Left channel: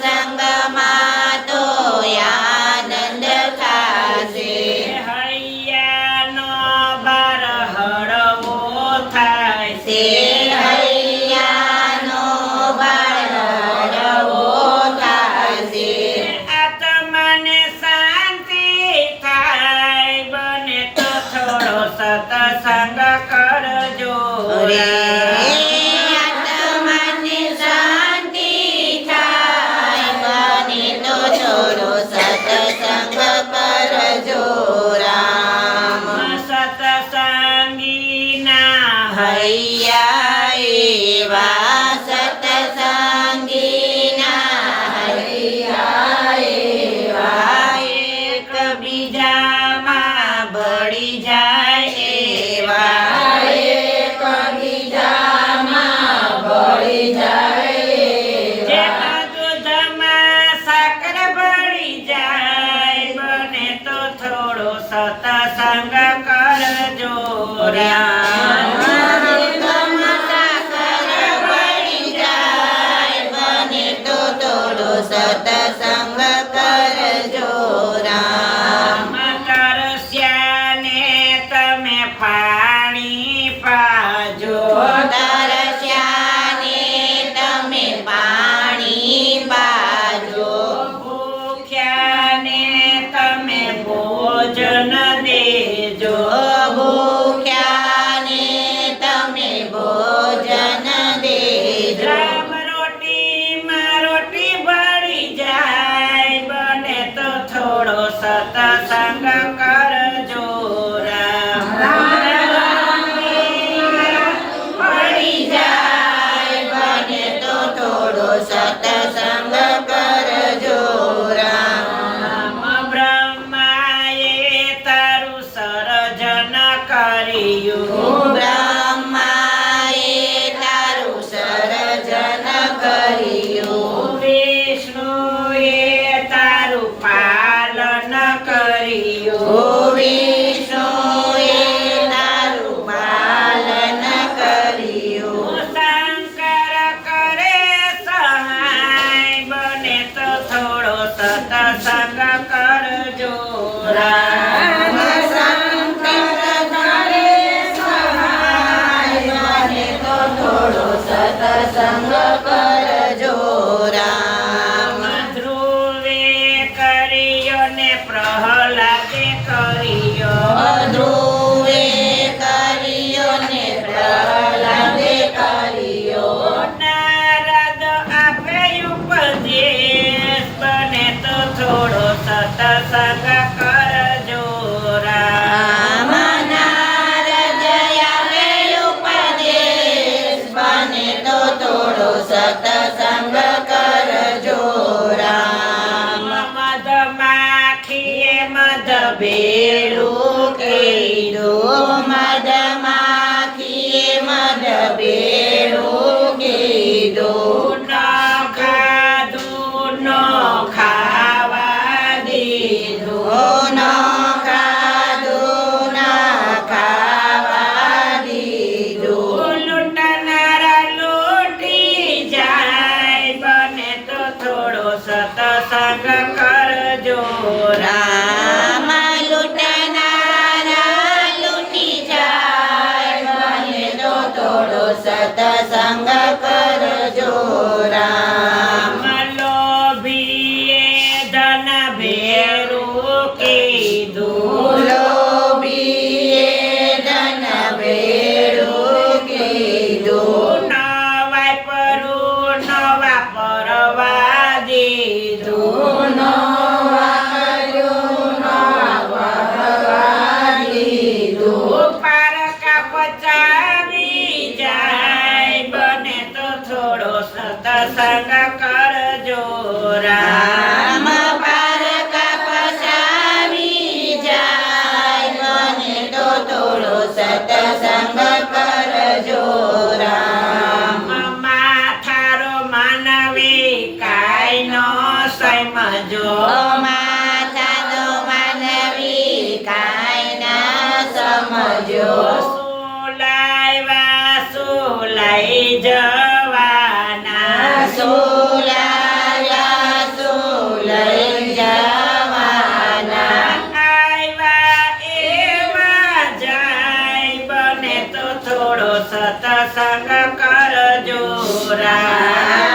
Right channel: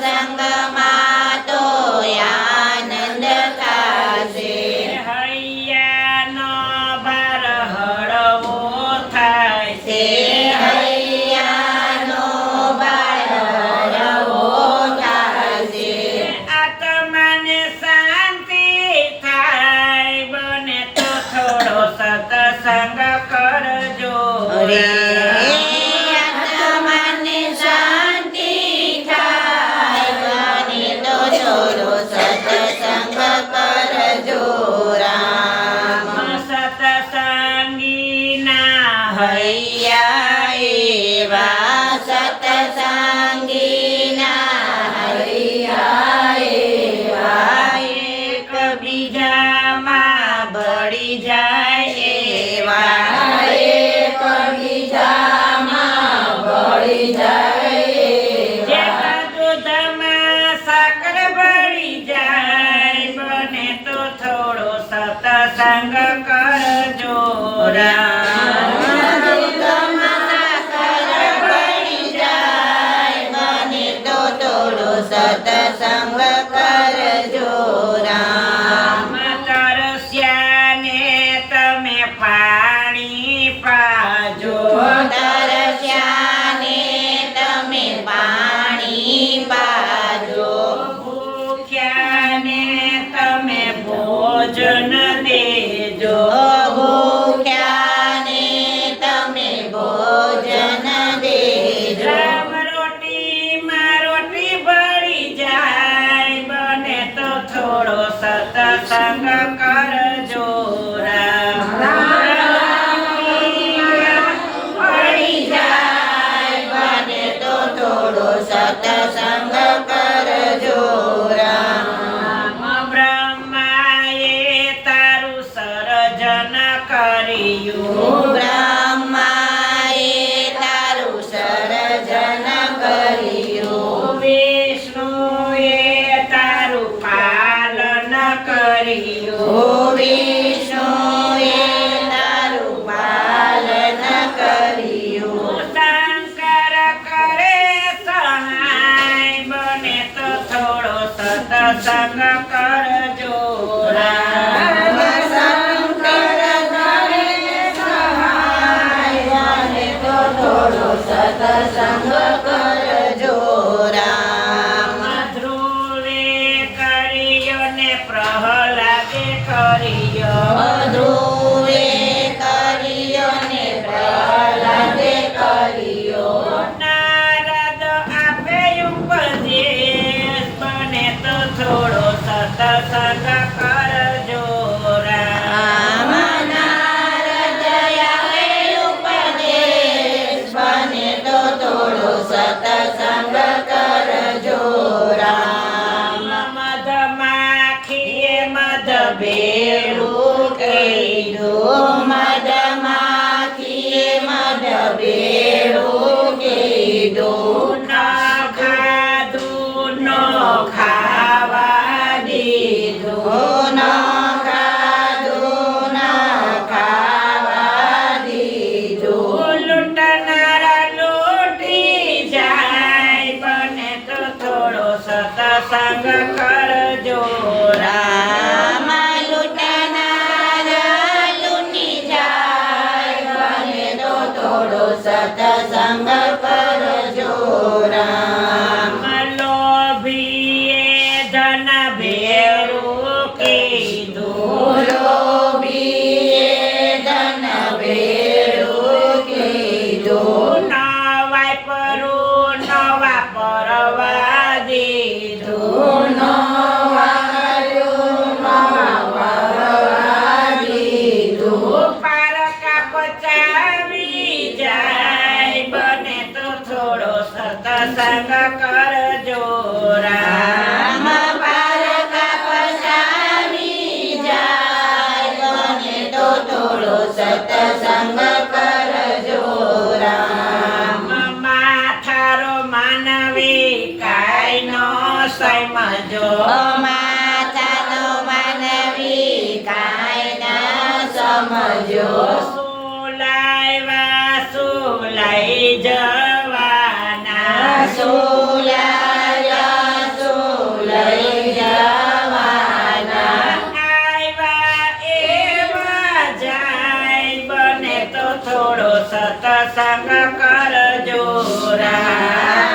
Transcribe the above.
સત્સંગમાં તો આનંદ થાશે. હૈયાનો ભાર હળવો થાય તે હૈયાનો ભાર હળવો થાશે. આત્માને શાંતિ થાય બને તો થોડો સત્સંગ કરજો રે આત્માને શાંતિ થાય બને તો થોડો સત્સંગ કરજો રામ. સત્સંગીના હૈયા એવા સત્સંગીના હૈયા એવા એકબીજામાં ભળી જાય એવા એકબીજામાં ભળી જાય જે દૂધમાં સાકર ભળી જાય બને તો થોડો સત્સંગ કરજો રામ. સાકર ભળી જાય બને તો થોડો સત્સંગ કરજો રામ. તરસ્યાને તમે પાણી પાજો તરસ્યાને તમે પાણી પાજો ભૂખ્યાને તમે ભોજન દેજો ભૂખ્યાને તમે ભોજન દેજો. રામ રોટીમાં રોટી ભળી જાય બને તો થોડો સત્સંગ કરજો રામ. ભળી જાય બને તો થોડો સત્સંગ કરજો રામ. બ્રહ્માએ તારું સર્જન કર્યું બ્રહ્માએ તારું સર્જન કર્યું વિષ્ણુએ તારું પાલન કર્યું વિષ્ણુએ તારું પાલન કર્યું. શંકર કરે સહાય બને તો થોડો સત્સંગ કરજો રામ. શંકર કરે સહાય બને તો થોડો સત્સંગ કરજો રામ. ધ્રુવે કર્યો ને પ્રહલાદે કર્યો ધ્રુવે કર્યો ને પ્રહલાદે કર્યો. નારદ આપે ઉપદેશ બને તો થોડો સત્સંગ કરજો રામ. રામ. નારદ આપે ઉપદેશ બને તો થોડો સત્સંગ કરજો રામ. મધમાખીએ મધ ભેળું કીધું મધમાખીએ મધ ભેળું કીધું. ન ખાધું ન ખાવા દીધું ન ખાધું ના ખાવા દીધું. લૂંટનારા લૂંટી જાય બને તો થોડો સત્સંગ કરજો રામ. લૂંટનારા લૂંટી જાય બને તો થોડો સત્સંગ કરજો રામ. લોભીએ ધન ભેરું કીધું લોભીએ ધન ભેળું કીધું. નવાય પરું નવા પરવા દીધું ન વાર્યું ન વારવા દીધું. પારકા પચાવી જાય બને તો થોડો સત્સંગ કરજો રામ. રામ. પારકા પસાવી જાય બને તો થોડો સત્સંગ કરજો રામ. માથારો માનવી કાય નો સમજો માથાનો માનવી કાંઈ ના સમજો. સુલાય સુલાઈ જવાના સુલાયા સતસંગ કરજો રા